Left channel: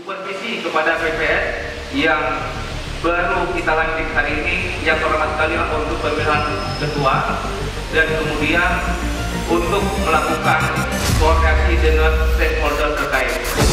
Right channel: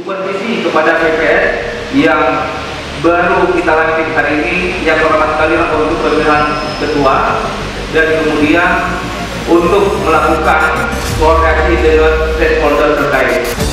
Supervisi kepada PPS yang baru kita lantik hari ini, yang pertama sekali untuk pemilihan ketua, dan kemudian untuk melakukan koordinasi dengan stakeholder terkait.